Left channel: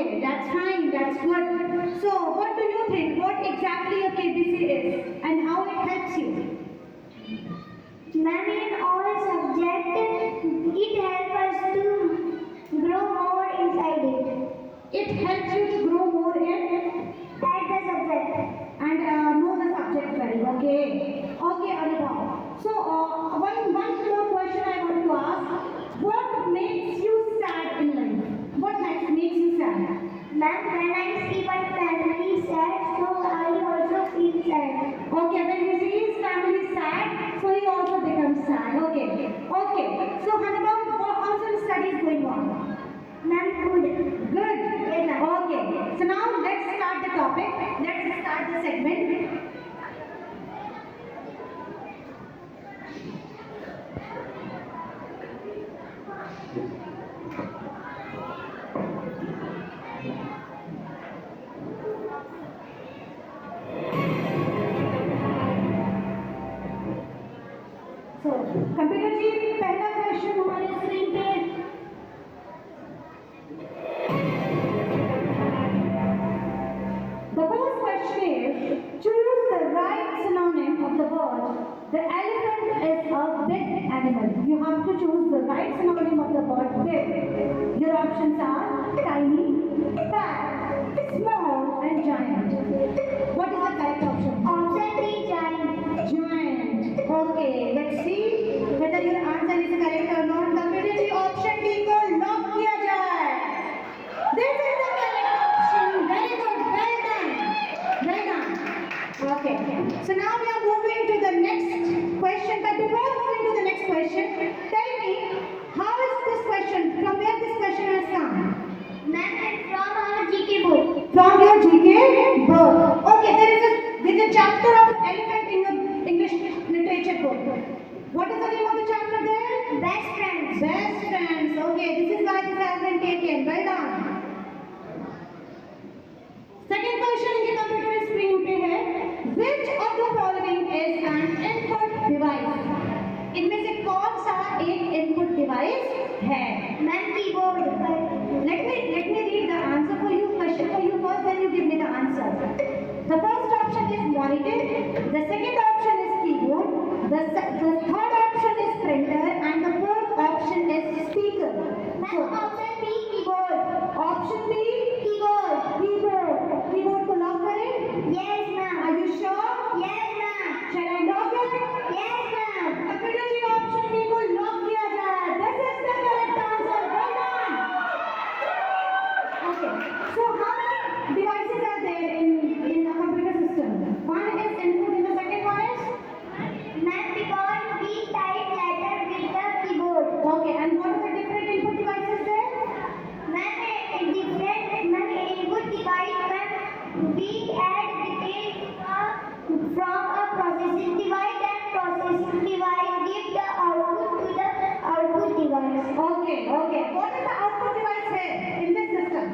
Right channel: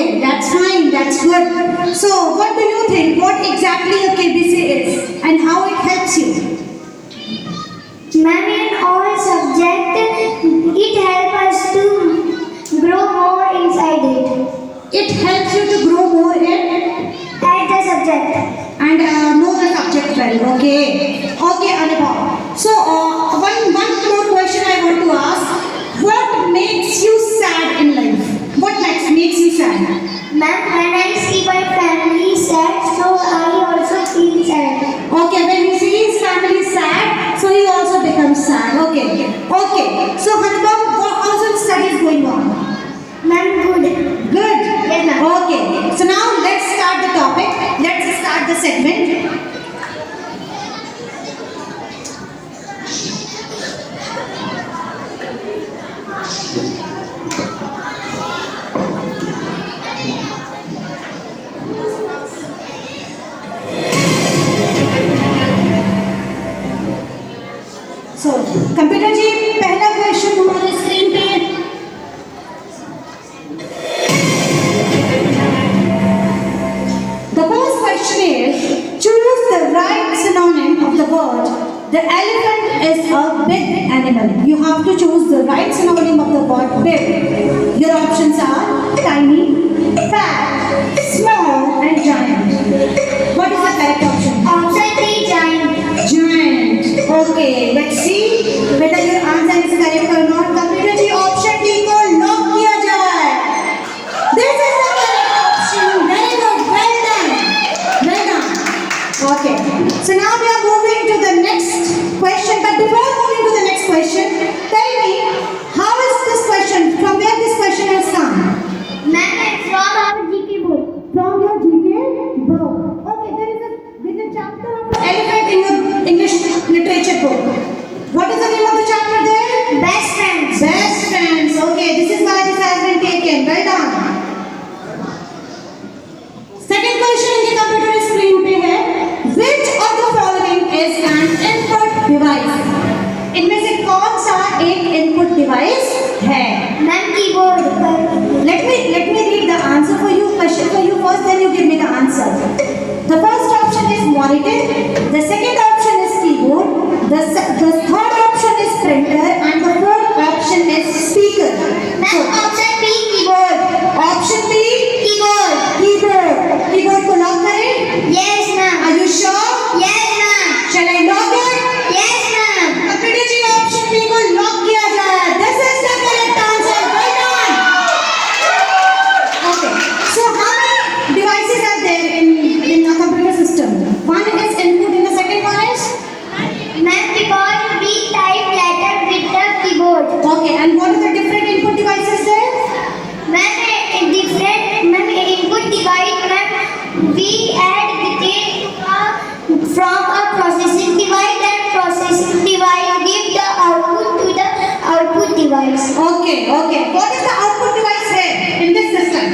Okay, that's fine. That's good. So, what do you think? What exactly a KBC is and how it helps you? Ma'am, in all subject, it helps us to grow more inside it. It helps you to grow more in At the subject. and know the subject well. Okay. Okay, Anubhav. So, one more question I want to ask. What makes you sad in life? What makes you sad? Ma'am, when I see my family sad, so I also feel sad. Okay, when you see his family sad, so he also becomes sad. Okay. Okay. So, Anubhav, how's your studies going on? Ma'am, good. Good. Yes, ma'am. Okay. So now let's start the topic. Let's start the segment. So, computer ji पहला question हमारे screen पे है. The first question is, choose the right synonym of the word. The elephant is a big animal. You have to choose the right synonym of the word big. Your options are tiny, fat, small and giant. What is the correct option? Option B, giant. Giant. Okay, let's see whether your answer is correct or not. Computer ji option D को lock किया जाए. This is the correct option. Very good. Well done. Well done. Okay. So now we are moving to the next question. But before moving to the next question, tell me how is this question? From where this question has come? Ma'am, it's from our GK book. From your GK book. Okay, there is a chapter of elephant in your English literature book. What is the name of the chapter there? Best friends. Best friends. Okay, this is why this has been taken. Well done. Second question in the computer screen पे है. Which of the following is an input device? इनमें से कौन सा एक input device है? Ma'am, keyboard. Let me read the answer for you. Question for you first, then you give me the answer. The first option is monitor. The second option is keyboard. The third option is printer, and the fourth option is speaker. Ma'am, option B, keyboard. Option B, Keyboard. keyboard. Keyboard को lock करें? Yes, ma'am. Are you sure? Yes, ma'am. Shall I lock it? Yes, ma'am. Computer ji option B को lock किया जाए. This is the correct answer. Well done. Okay. So how many devices are there in a computer system? One is input, and the second one is. Ma'am, because we type letter with the keyboard. Okay. And what are the different input devices there? Ma'am, input device, ma'am, we add details from a processing device, and processing device give the output to the output device. Okay. Okay. What is the output device there in this system?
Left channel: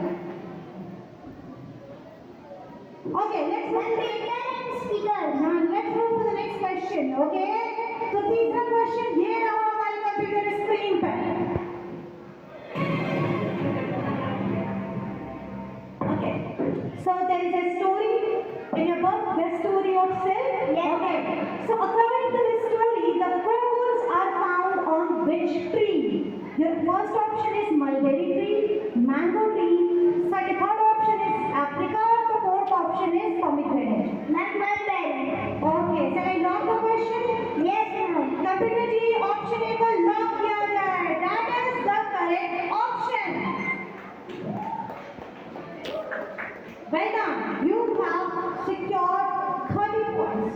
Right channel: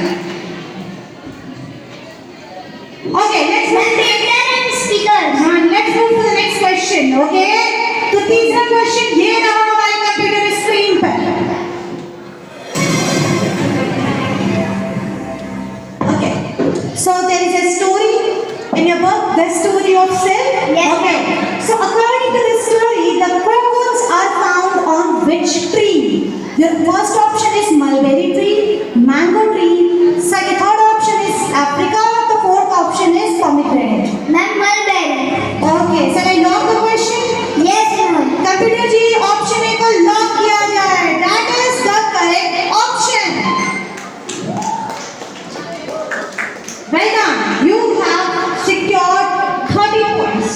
Okay. Let's Ma'am, move. printer and speaker. Let's move to the next question. Okay. तो तीसरा question ये रहा हमारे computer screen पर. Okay. So there is a story in your book, the story of Sil. Yes. Okay. So according to the story, the cocoons are found on which tree? Your first option is mulberry tree, mango tree. Second, third option is Africa. The fourth option is pomegranate. Ma'am, mulberry. Okay. Shall I lock the question? Yes, ma'am. Computer ji option A को lock किया जाए. That is the correct option. Well done. You have secured 30 points.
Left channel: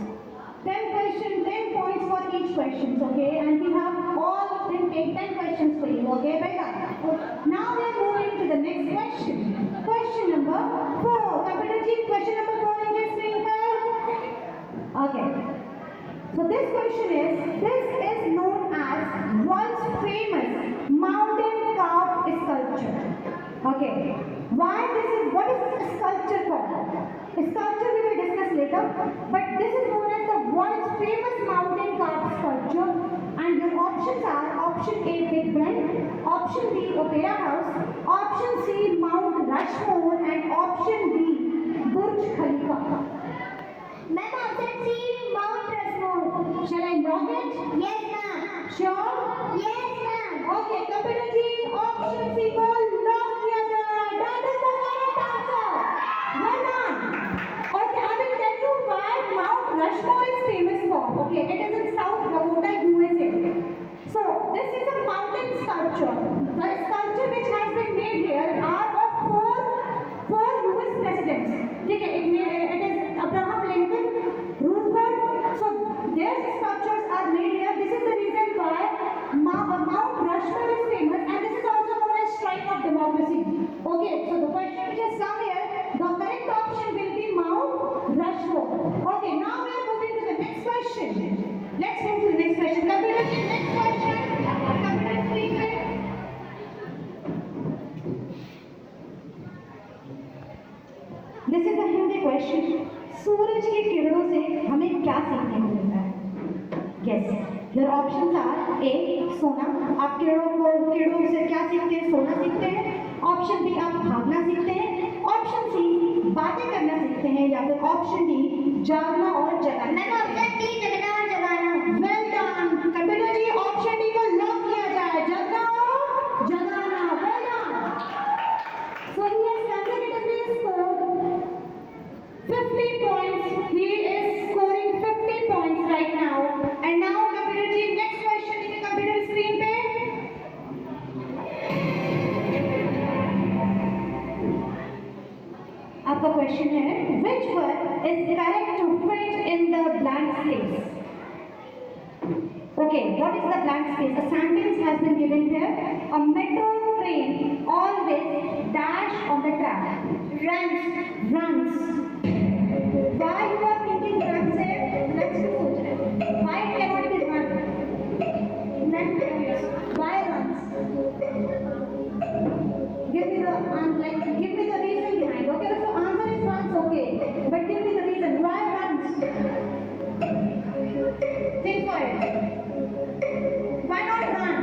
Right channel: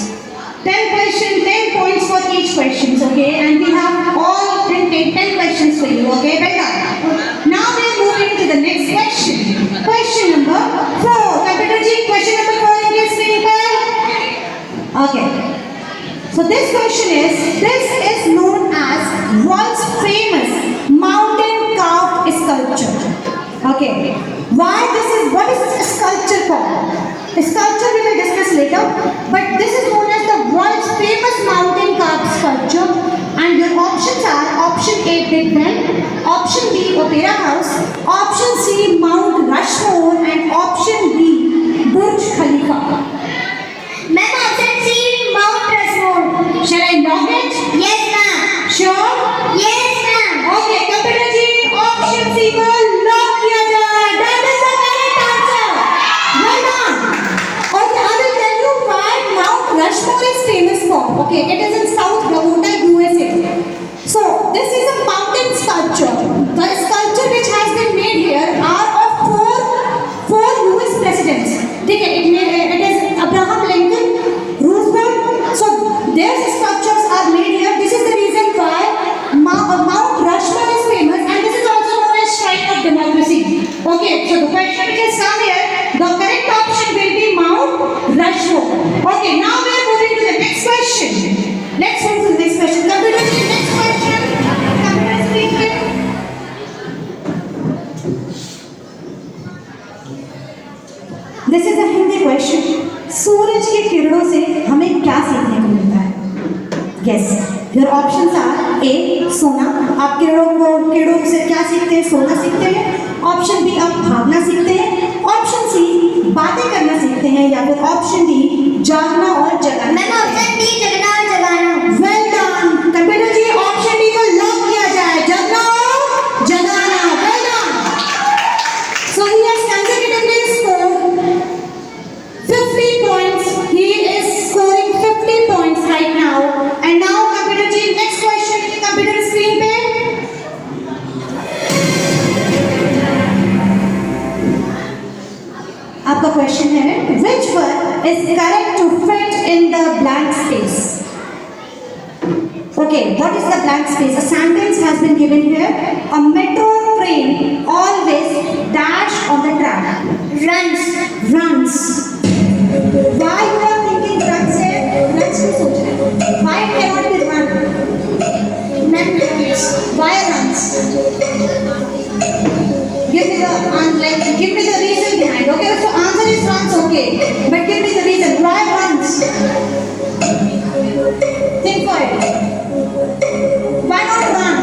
10 questions, 10 points for each question. Okay, and we have all 10 questions for you. Okay, well done. Now we are moving to the next question. Question number 4. Computer ji, question number 4 in your screen पर. Okay. So this is known as world's famous mountain carved sculpture. Okay. What is a sculpture called? A sculpture we will discuss later, but this is known as the world's famous mountain carved sculpture. And your options are option A, Big Ben, option B, Opera House, option C, Mount Rushmore, Okay, it is in South Dakota, USA. So this is a mountain sculpture. The sculpture which has been made here are of four US presidents. It is Abraham Lincoln, Roosevelt. So their sculptures are made here. This is the reason why Mount Rushmore is famous, and this is also known as Shrine of Democracy. Okay, so the question which has come here, the correct option will be Mount Rushmore. Okay, now we are moving to the next question. Let's move to the next question. Computer, next question. Computer screen पे. This is a Hindi question. सूरज की किरणों से हमें क्या सीखने को मिलता है? Yes. Your options are A. सोना. आप किरणों से क्या सीखते हैं? सोना सीखते हैं. ऑप्शन बी, आप भागना सीखते हैं. ऑप्शन सी, बातें करना सीखते हैं. या फिर ऑप्शन डी, जागना और जगाना. मैम ऑप्शन डी, जगना और जगाना। Well done computer ji, option D को लॉक किया जाए. जगना और जगाना. Well done. So he has consecutively scored 50 points. He is scoring 50 points right now. And now computer ji, next question. Computer screen पे. आपका क्वेश्चन है, which word is correct to fit in the blank space? Okay, what is the blank space? A sentence has been given here. A metro train always dash on the track. Runs. Why you are thinking runs है? Runs क्यों सोच रहे हो? Why cannot be run? Runs. Why runs? Give me the reason behind. Okay, so answer is runs. Okay, but give me the reason. Why runs? Think for it. Why not run?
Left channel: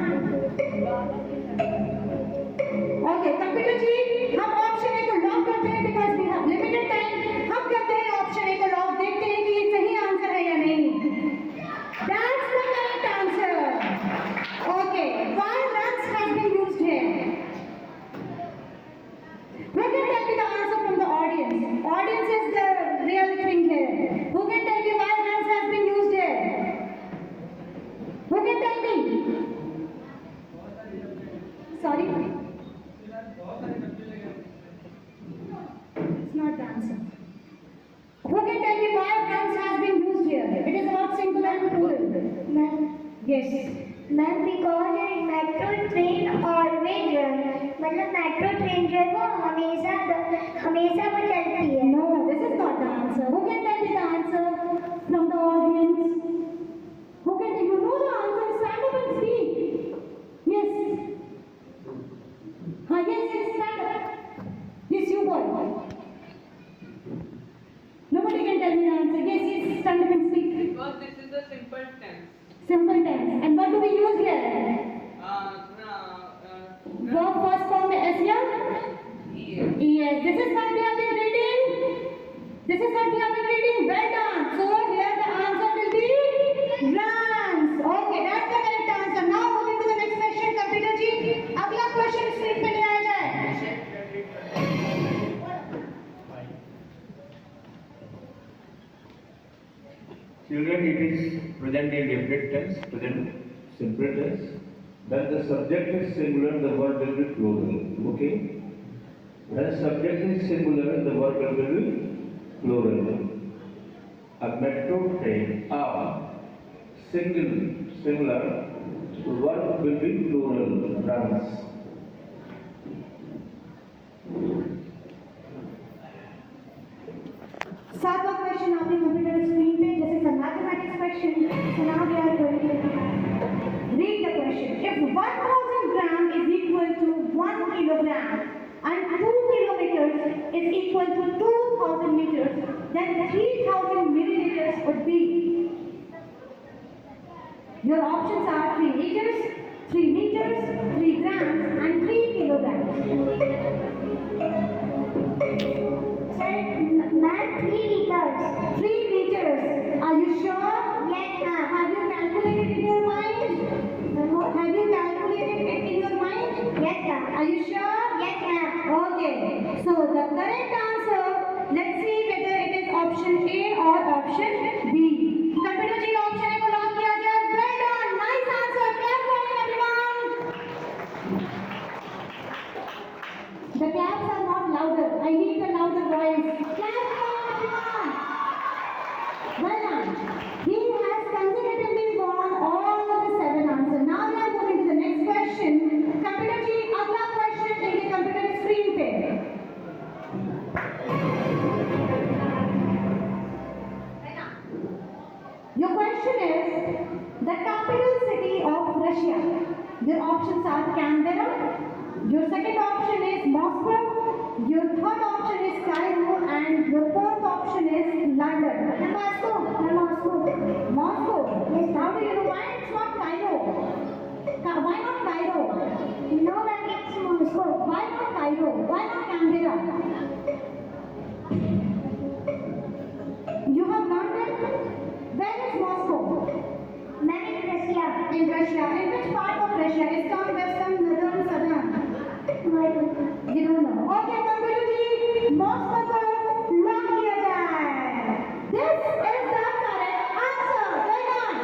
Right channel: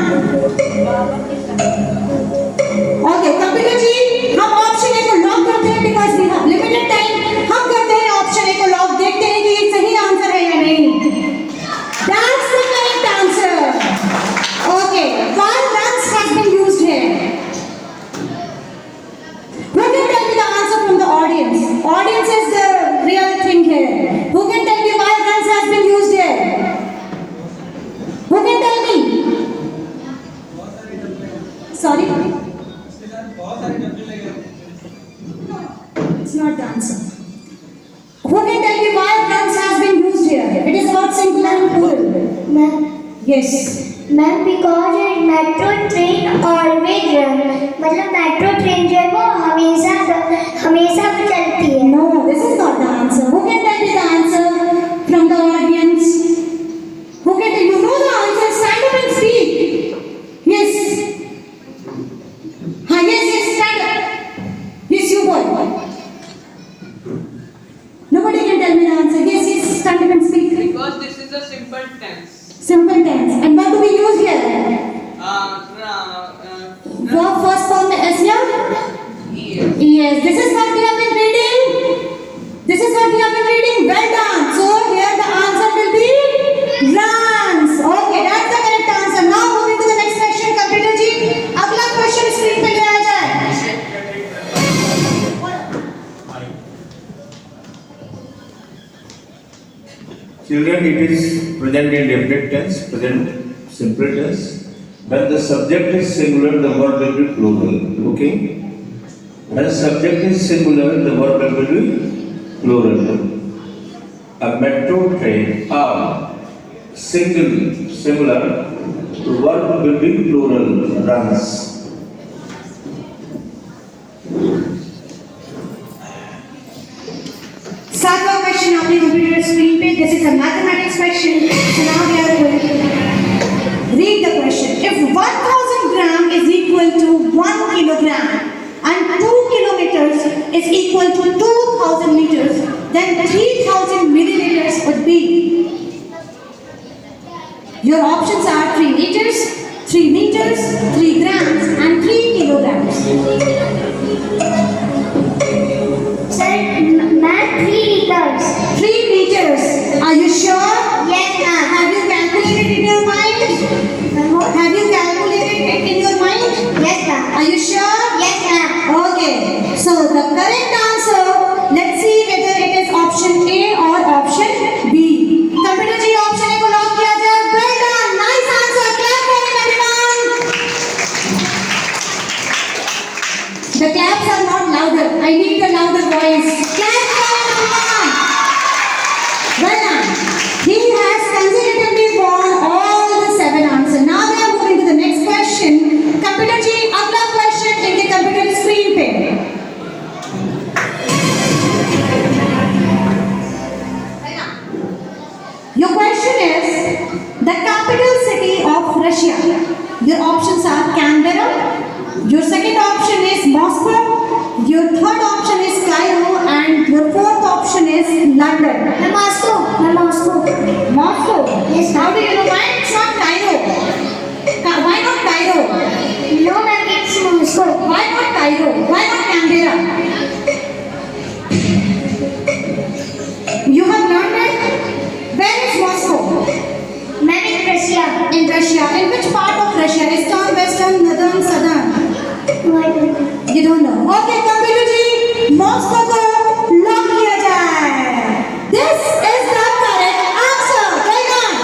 Okay, computer जी, हम option A को lock करते हैं because we have limited time. हम करते हैं option A को lock, देखते हैं कि ये सही आंसर है या नहीं. That's the correct answer. Okay, why runs has been used here? Who can tell me the answer from the audience? Audience is the real thing here. Who can tell me why runs has been used here? Who can tell me? Sorry? It's not the answer. Who can tell me why runs has been used here? It is about singular and plural. Ma'am Yes. Ma'am because metro train always run, मतलब metro train जो है वो हमेशा चलती है। No, this is not the answer. Who can tell me the answer from the audience? Who can tell you know the answer? Stand up and speak. Yes. Yes, stand up. Yes, you boy. Nobody can tell me the answer. Yes, stand up and speak. Because this is a simple tense. Simple tense. And what do we use here? Verb first form में S या? Yes. Yes. This is what we have been reading. This is what we have been reading. Well done. So here the answer will be runs. Okay, that's the correct answer. Now moving to the next question. Computer जी, अगला question screen पे ले आ जाए. Children, it is present indefinite tense, present simple tense. When the subject is singular, the verb will be plural. Okay? When the subject is singular, the verb will be plural. A metro train, singular, the verb will be plural, runs. सातवां question आपने computer screen पे. This is a mathematics question. So now we are going to read the question. If 1000 gram is equal to 1 kilogram and 2 kilometers is equal to 2000 meters, then 3000 milliliters would be. Your options are 3 liters, 3 meters, 3 grams and 3 kilograms. Sir ma'am 3 liters। 3 liters. Are you sure? Yes ma'am। Have you calculated in your mind? Have you calculated it in your mind? Yes ma'am। Are you sure? Yes ma'am। Okay. So the correct answer, let's see whether it is option A or option B. Computer ji, option Your question is the capital city of Russia. Your options are Canberra. Your second option is Moscow. Your third option is Cairo, and your fourth option is London. Moscow. Moscow. Yes, How do you know why it's not Cairo? Why not Cairo? No, ma'am, it's Moscow. Why not Cairo? Why not Canberra? You have learned it? Where is Moscow? Ma'am, it's Russia. In Russia. In which part of Russia? Eastern, western, northern, southern? You don't know. Okay, computer ji, Moscow को lock किया जाए. This is the correct answer. Well done.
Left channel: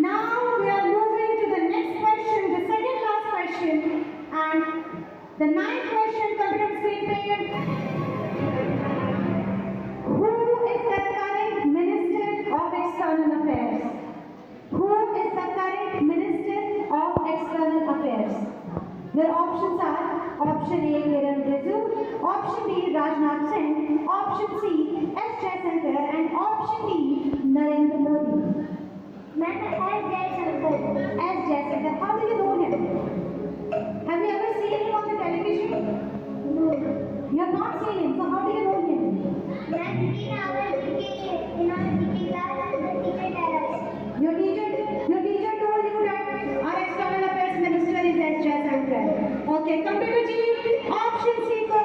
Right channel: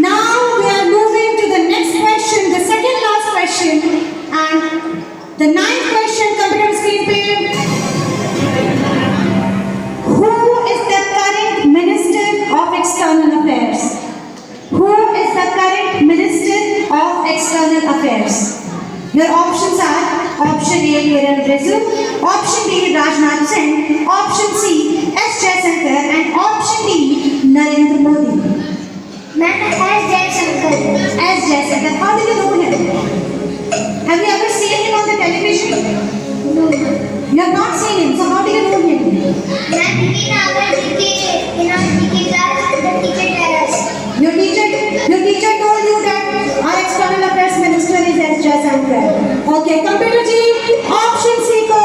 Now we are moving to the next question, the second last question, and the ninth question. Computer screen पे. Who is the current Minister of External Affairs? Who is the current Minister of External Affairs? Your options are option A, Kiran Rizvi, option B, Rajnath Singh, option C, S. Jaishankar, and option D, Narendra Modi. Ma'am, S. Jaishankar. S. Jaishankar. How do you know him? Have you ever seen him on the television? No. You have not seen him, so how do you know him? Ma'am, in our GK class, the teacher tell us. Your teacher told you that our External Affairs Minister is S. Jaishankar. Okay, computer ji, option C को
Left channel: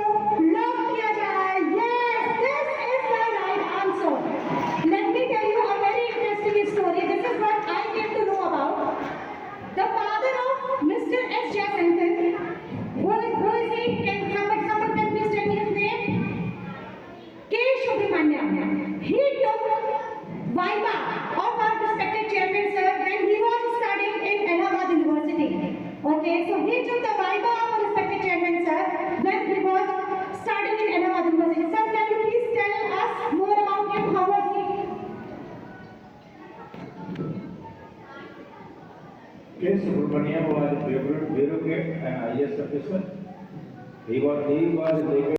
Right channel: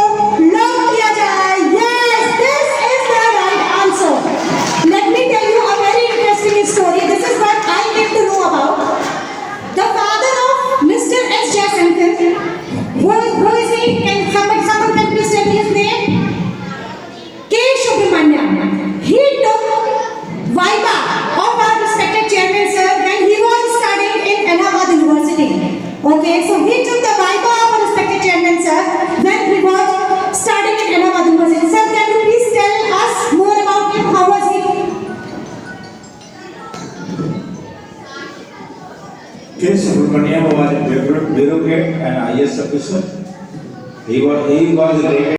lock किया जाए. Yes, this is the right answer. Let me tell you a very interesting story. This is what I came to know about. The father of Mr. S. Jaishankar, who is he? Can someone can please tell me his name? K. Subramaniam. He took Viva of our respected chairman sir when he was studying in Allahabad University. Okay, so he took the Viva of our respected chairman sir when he was studying in Allahabad University. Sir, can you please tell us more about him? How was he? K. Subramaniam was a bureaucrat and IS officer. He was rated